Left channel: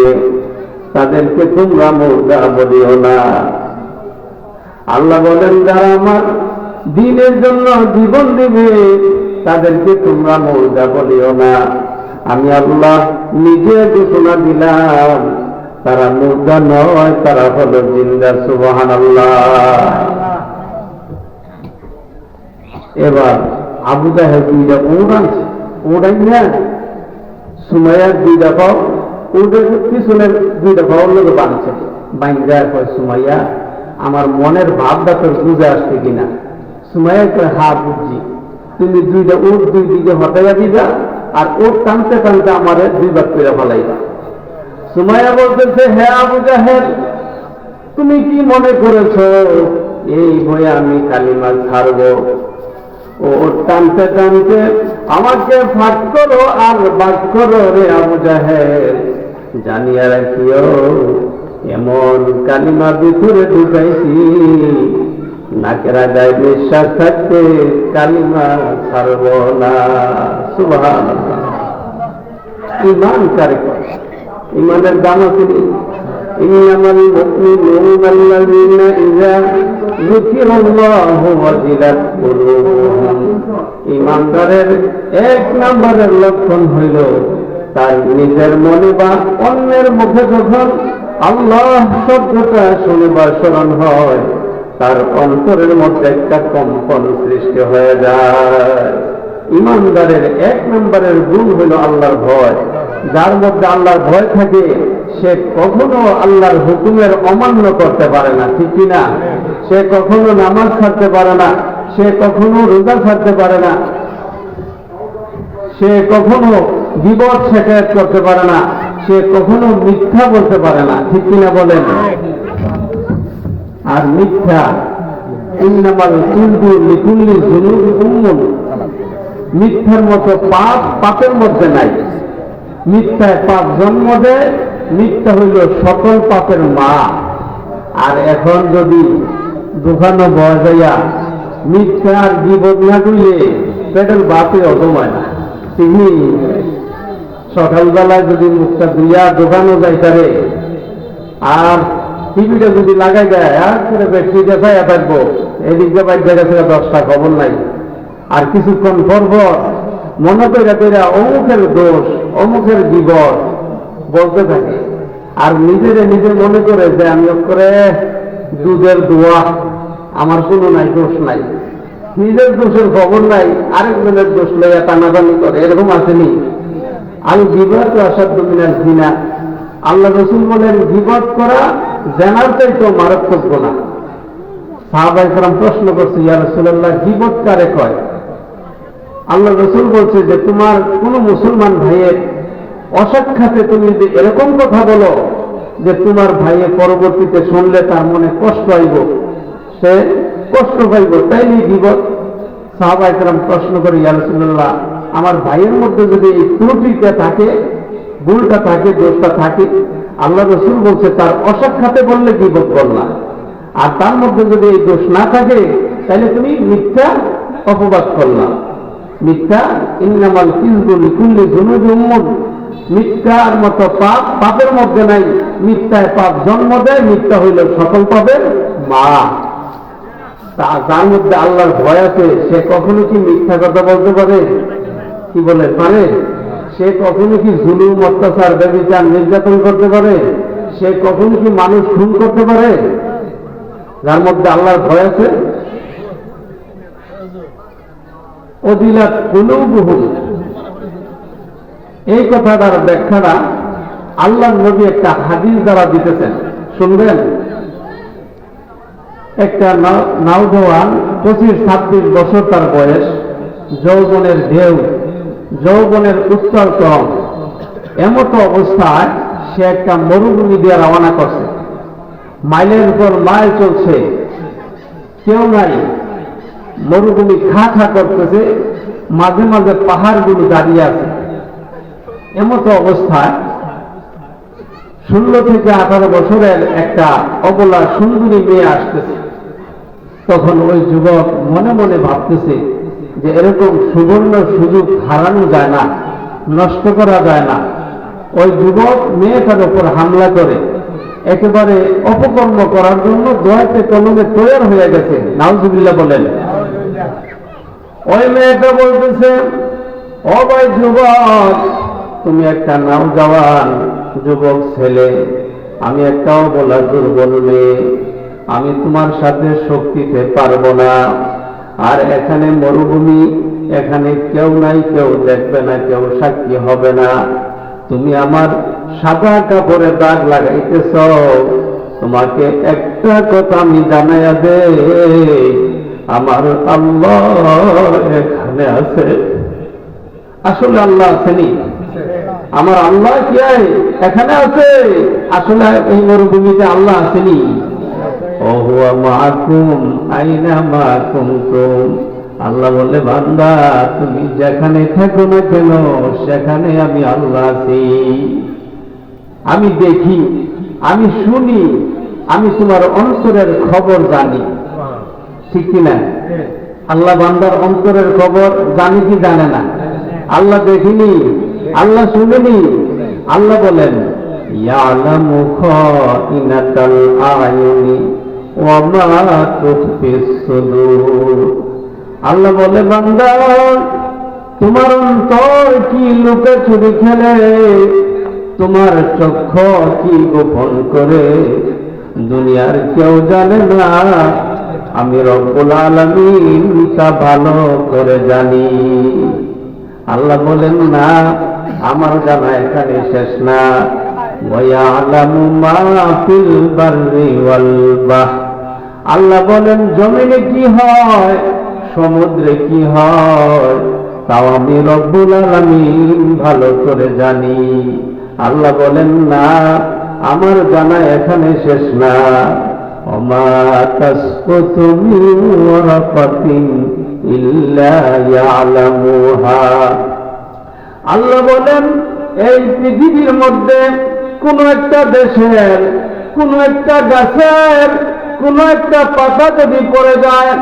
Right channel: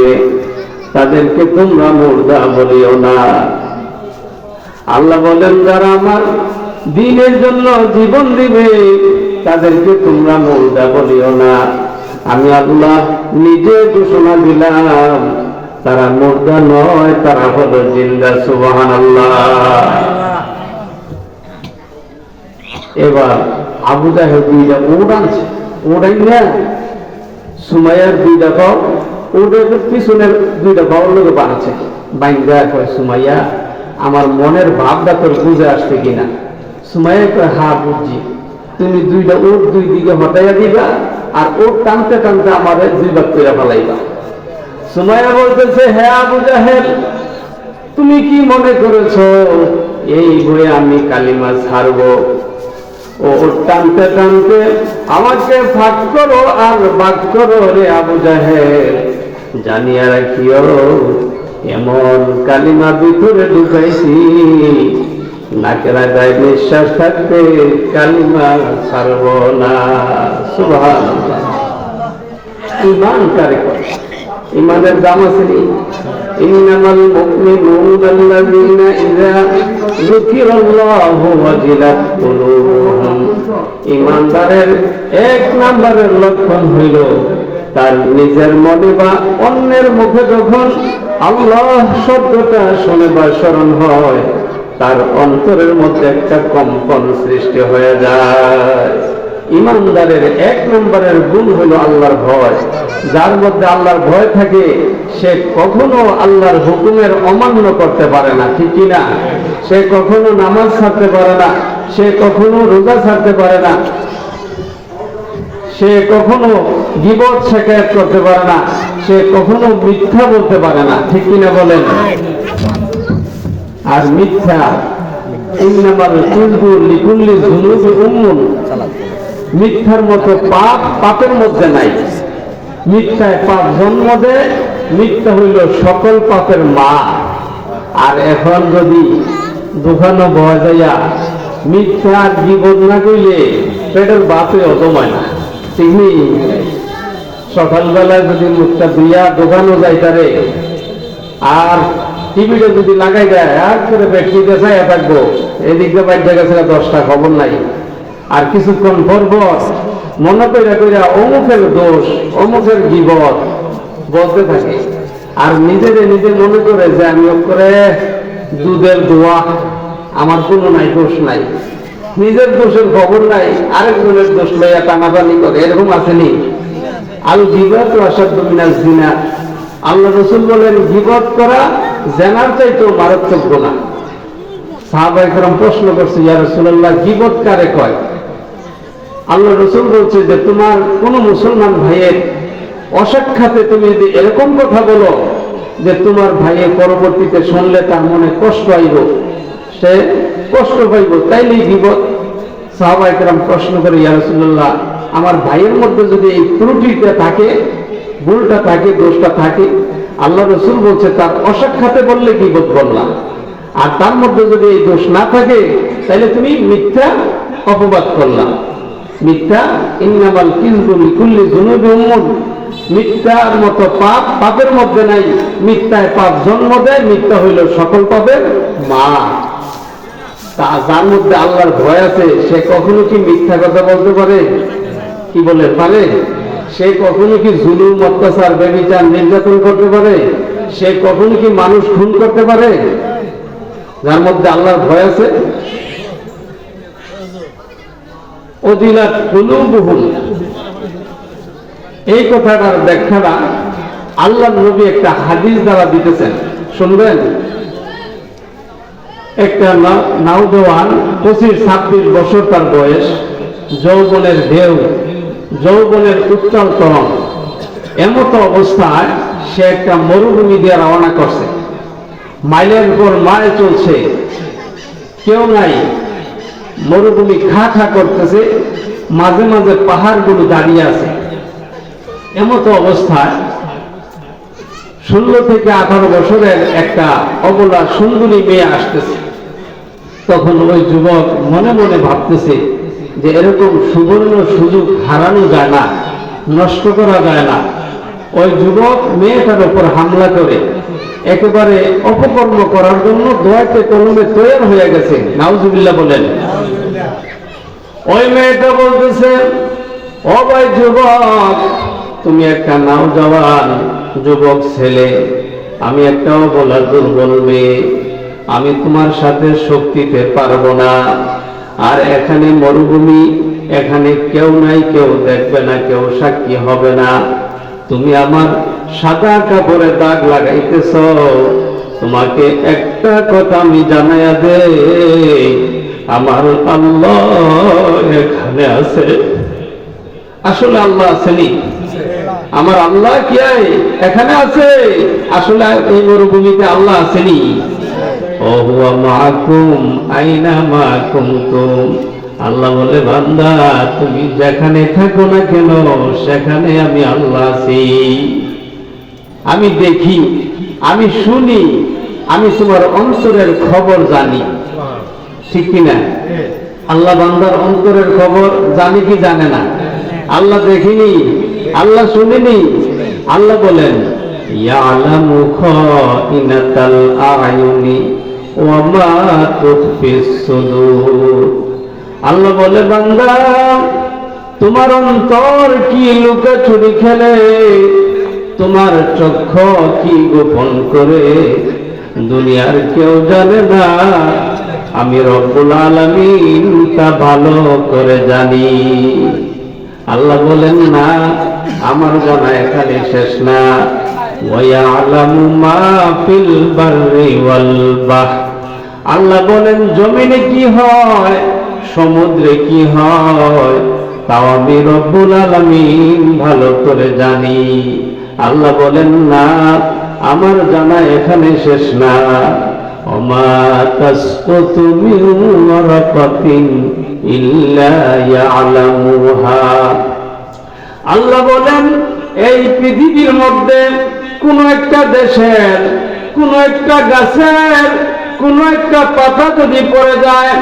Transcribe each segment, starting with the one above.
দিবে তাদেরকে তোমরা মুর্দা বলিও না। আল্লাহ বলেন, যারা আমার দিনের জন্য জীবন দিবে, তাদেরকে তোমরা মুর্দা বলিও না। আমি আল্লাহ নিজে ঘোষণা দিলাম, তারা মুর্দা নয়, তারা হলো জিন্দা সুবহান আল্লাহ এবার আবু জাহেদ দুইটা উট আনছে না সুমাইয়ার দুইটা পাও ওদের পিছনের দুইটা পাওয়ার লোক বাড়ছে। বাইন্দা কয়, সুমাইয়া, আমার মনের ভাবটা তোর বুঝে আসছে কিনা? সুমাইয়া কয়, হা, বুঝছি। তুমি দুইটা উট দুই দিকে হটাইয়া দিবা আর ওট টানতে টানতে আমারে দুই ভাগ করে ফেলাইবা। সুমাইয়া বলতেছে হ্যাঁ আবু জাহেল, তুমি কি মনে করেছ, এই বই আমি কালিমা ছাড়বো? ও টানতে টানতে আমাকে ফাঁক করো আর বাদ করো রে আবু জাহেল। জানিয়া রাখিও, এমন কালিমা ভিতরে ঢুকাইছি। নাকেরা গায়ে নিঃশ্বাস থাকতে কালিমা ছাড়ব না। সুভান ইমান ইমানের দাম আছে ইমানদারের এক নম্বরের লক্ষণ হইল তার নিজের মনে বা অন্যের মুখে যখন আল্লাহ শব্দটা শুনে বা স্মরণ হয়, তার অন্তরের মধ্যে একটা কম্পন সৃষ্টি হয়ে যায়। ইমানদারের এক নম্বরের গুণ হলো আল্লাহর ভয়। যার মধ্যে আল্লাহর ভয় থাকে, সে কখনো আল্লাহর হুকুমের অমান্য করতে পারে না, ঠিক কিনা? সে কখনো নামাজ ছাড়তে পারে না, সে কখনো রোজা ছাড়তে পারে না। সে কখনো গিবত শেখায়ত করতে পারে না, সে কখনো মিথ্যা বলতে পারে না, ঠিক কিনা বলেন? আর মিথ্যা মিথ্যার মতো পাপ পাপের মধ্যে নাই। মিথ্যায় পাপ জন্ম দেয়, মিথ্যা হইল সকল পাপের মা। আর এখন যদি দোকানো বয়া যাইয়া মিথ্যা আর জীবন না কইলে পেটের বাপে অজমায় না। ঠিক নেই? সকালবেলায় যদি মুখটা ধুইয়া দোকানও যাইতারে, আর টিভিটা যদি লাগাই দেয়, আর করে ব্যক্তিতে চাইয়া থাকব, এদিক দিয়ে বাইর গেছে দশটা, খবর নাই। আর কিছুক্ষণ পর পর মনে কইরা কইরা অমুকের দোষ, অমুকের জীবন বলতে থাকে। আর নিজেরে নিজে মনে করে যে আমি করে দুধের দোয়া, আমার কোনো নাই, দোষ নাই। নিজের দোষের খবর নাই, আরেকজনের দোষ লইয়া টানাটানি করে, এরকম আসেনি আল বিগত আসাদ মিনাল জিনা। আল্লাহ রসুল বলেন বিপদ করা জেনার চাইতো মারাত্মক গোনা সাহাবাইকরাম প্রশ্ন করছে, ইয়া রসুল্লাহ গিবত কারে কয়? আল্লাহ রসুল বলছে যে, তোমার কোন মুসলমান ভাইয়ের অসাক্ষাতে তুমি যদি এরকম কথা বলো যে, তোমার ভাইয়ে পরবর্তীতে শুনলে তার মনে কষ্ট আইব, সে কষ্ট পাইব, তাইলেই বিপদ সাহাবাইকরাম প্রশ্ন করে, ইয়া রসুল্লাহ আমার ভাইয়ের মধ্যে যদি এই ত্রুটিটা থাকে, ভুলটা থাকে, দোষটা থাকে, আল্লাহ রসুল বলছে, তার অসাক্ষাতে বললে কি বোধ করলাম আর তার মধ্যে যদি এই দোষ না থাকে, তাহলে তুমি মিথ্যা অপবাদ করলাম মিথ্যা ইন্নামাল কিন্তু লিকুল্লি জুনুবি উম্মুন। মিথ্যার মতো পাপ পাপের মধ্যে নাই। মিথ্যায় পাপ জন্ম দেয়, মিথ্যা হইল সকল পাপের মা। তা যার মধ্যে আল্লাহর ভয় আছে, সে কখনো কি মিথ্যা কথা বলতে পারে? কি বলে, পারে? সে কখনো কি জুলুম, অত্যাচার ব্যবচার নির্যাতন করতে পারে? সে কখনো কি মানুষ খুন করতে পারে? যার মধ্যে আল্লাহর ভয় আছে? অদিলাত কুলুবুহুম। এই কথাটার ব্যাখ্যাটা আল্লাহ নবী একটা হাদিস দ্বারা দিতেছেন। শুনবেন? একটা নাও- নাওজওয়ান পঁচিশ ছাব্বিশ বছর তার বয়স, যৌবনের ঢেউ। যৌবনের উত্তর তরণ এমতো অবস্থায় সে একটা মরুভূমি দিয়ে রওনা করছে। মাইলের উপর মাইল চলছে। কেউ নাই। মরুভূমি খা খা করতেছে। মাঝে মাঝে পাহাড়গুলো দাঁড়িয়ে আছে। এমতো অবস্থায় ষোলো থেকে আঠারো বছরের একটা অবলা সুন্দরী মেয়ে আসতেছে। তখন ওই যুবক মনে মনে ভাবতেছে যে এরকম সুবর্ণ সুযোগ হারানো যায় না, নষ্ট করা যায় না। ওই যুবক মেয়েটার উপর হামলা করে, একেবারে অপকর্ম করার জন্য দোয়াতে কলমে তৈরি হয়ে গেছে। নাউজুবিল্লাহ বলেন, ওই মেয়েটা বলতেছে, ও ভাই যুবক, তুমি একটা নাও জওয়ান, যুবক ছেলে, আমি একটাও বলার দুর্বল মেয়ে, আমি তোমার সাথে শক্তিতে পারব না। আর এখানে মরুভূমি, এখানে কেউ নাই, কেউ দেখবে না, কেউ সাক্ষী হবে না। তুমি আমার সাদা কাপড়ে দাগ লাগাইতেছ। তোমাকে একটা কথা আমি জানাইয়া দে আমার আল্লাহ এখানে আছে। আসলে আল্লাহ আসেনি আমার আল্লাহ কি এখানে আছে। আসলে এই মরুভূমিতে আল্লাহ আসেনি হুয়া মাকুম, আইনা মাকুম আল্লাহ বলে, বান্দা, তুমি যেখানে থাকো না কেন, সেখানে আমি আল্লাহ আছি। আমি দেখি, আমি শুনি, আমি তোমার অন্তরের খবর জানি। ঠিক কিনা আল্লাহ বান্দার অন্তরের খবর জানি কি জানে না? আল্লাহ দেখিনি, আল্লাহ শুনিনি। আল্লাহ বলেন, ইয়ালামু খাইনাতাল আয়ুনি। ওয়া আল্লাহ বলে, বান্দা, তোমার অন্তর কি লুকাচুরি খেলে? তোমার চক্ষ কি গোপন করে? দুনিয়ার কেউ জানে না, আমি রব্বুল আলামিন তা ভালো করে জানি। আল্লাহ বলেন, না, আমার জানা এখানে শেষ না। ওয়ায়ালামু মা ফিল বাররি ওয়াল বাহর। আল্লাহ বলেন, জমিনে কি হয়? সমুদ্রে কি হয়? তাও আমি রব্বুল আলামিন ভালো করে জানি। আল্লাহ বলেন, না, আমার জানা এখানে শেষ না। আল্লাহ বলেন, এই পৃথিবীর মধ্যে কোন একটা দেশের, কোন একটা গাছের কোন একটা পাতা যদি পড়ে যায়,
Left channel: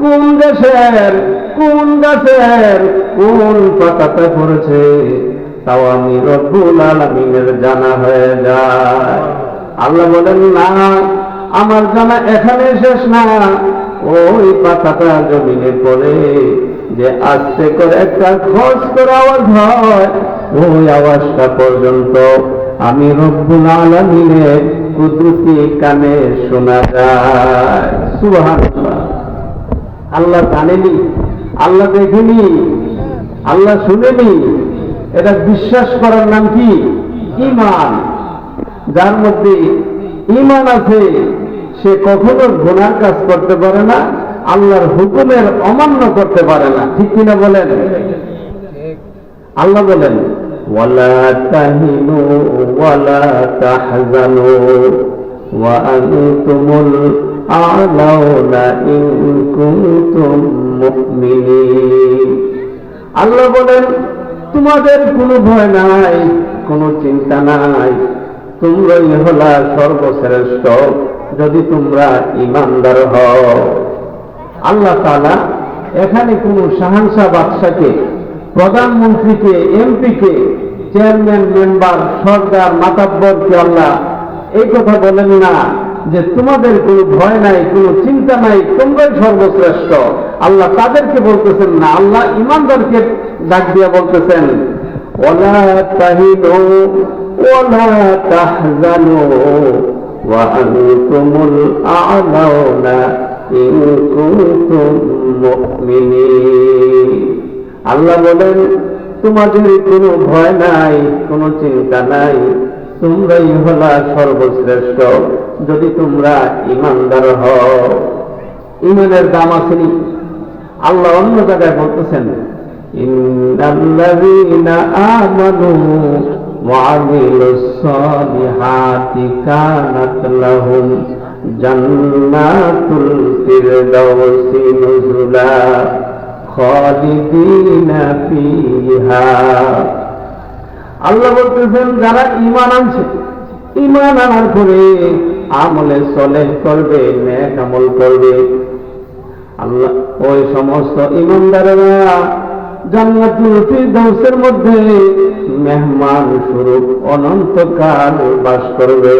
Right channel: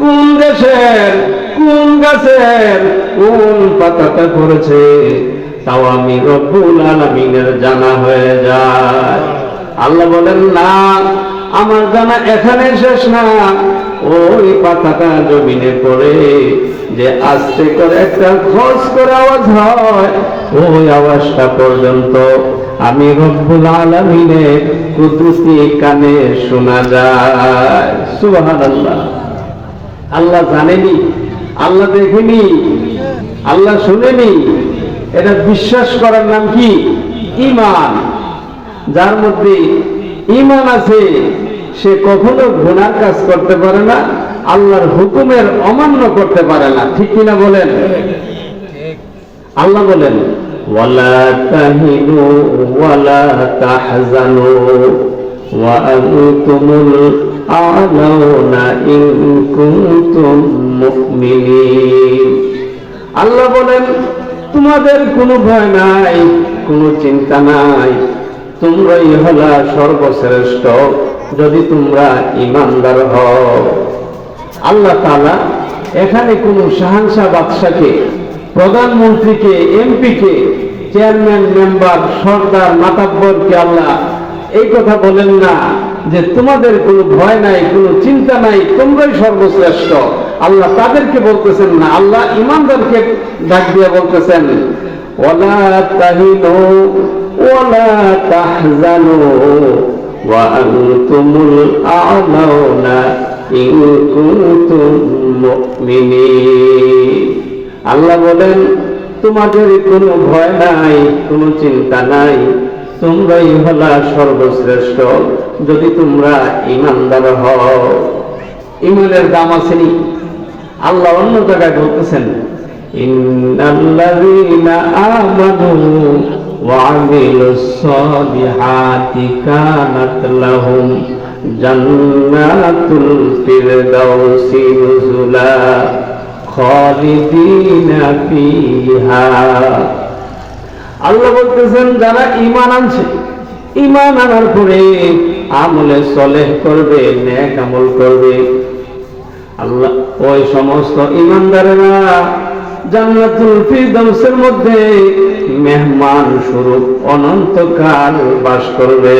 কোন দেশের, কোন গাছের, কোন পাতাটা পড়েছে, তাও আমি রব্বুল আলমিনের জানা হয়ে যায়। আল্লাহ বলেন, না, আমার জানা এখানে শেষ না। ওই পাতাটা জমিনে পড়ে যে আস্তে করে একটা খস করে আওয়াজ হয়, ওই আওয়াজটা পর্যন্ত আমি রব্বুল আলমিনের কুদরতি কানে শোনা যায়। সুবহানাল্লাহ। আল্লাহ জানেনি আল্লাহ দেখেনি আল্লাহ শুনেনি। এটা বিশ্বাস করার নাম কি? ইমান যার মধ্যে ইমান আছে সে কখনো গুনার কাজ করতে পারে না আল্লাহর হুকুমের অমান্য করতে পারে না। ঠিক কিনা বলেন? আল্লাহ বলেন তাহিনু ওয়ালা তাহজানু ওয়া আনতুমুল আ'লাউনা ইন কুনতুম মুমিনিন আল্লাহ বলেন, তোমাদের কোনো ভয় নাই, কোনো চিন্তা নাই। তোমরাই হলা সর্বশ্রেষ্ঠ, যদি তোমরা ইমানদার হও। আল্লাহ তাআলা এখানে কোনো শাহানশাহ বাদশাকে প্রধানমন্ত্রীকে, এমপিকে, চেয়ারম্যান মেম্বার, সর্দার মাতাব্বরকে আল্লাহ এই কথা বলেন না যে তোমাদের কোনো ভয় নাই, কোনো চিন্তা নাই, তোমরাই সর্বশ্রেষ্ঠ। আল্লাহ তাদেরকে বলতেছেন না, আল্লাহ ইমানদারকে ডাক দিয়ে বলতেছেন ওলা তাহিনু ওলা তাহজানু আনতুমুল আ'লাউনা ইন কুনতুম মুমিনিন। আল্লাহ বলেন তোমাদের কোনো ভয় নাই কোনো চিন্তা নাই তোমরাই হলা সর্বশ্রেষ্ঠ যদি তোমরা ইমানদার হও ইমানের দাম আসেনি আল্লাহ অন্য জায়গায় বলতেছেন ইন্নাল্লাযীনা আমানু وعملوا الصالحات كانت لهم جنات الفردوس نزلا خالدين فيها আল্লাহ বলতেছেন, যারা ইমান আনছে ইমান আনার পরে আমলে সলেহ করবে, নেক আমল করবে। আল্লাহ, ওই সমস্ত ইমানদারেরা জান্নাতুল ফিরদাউসের মধ্যে মেহমান স্বরূপ অনন্তকাল বাস করবে।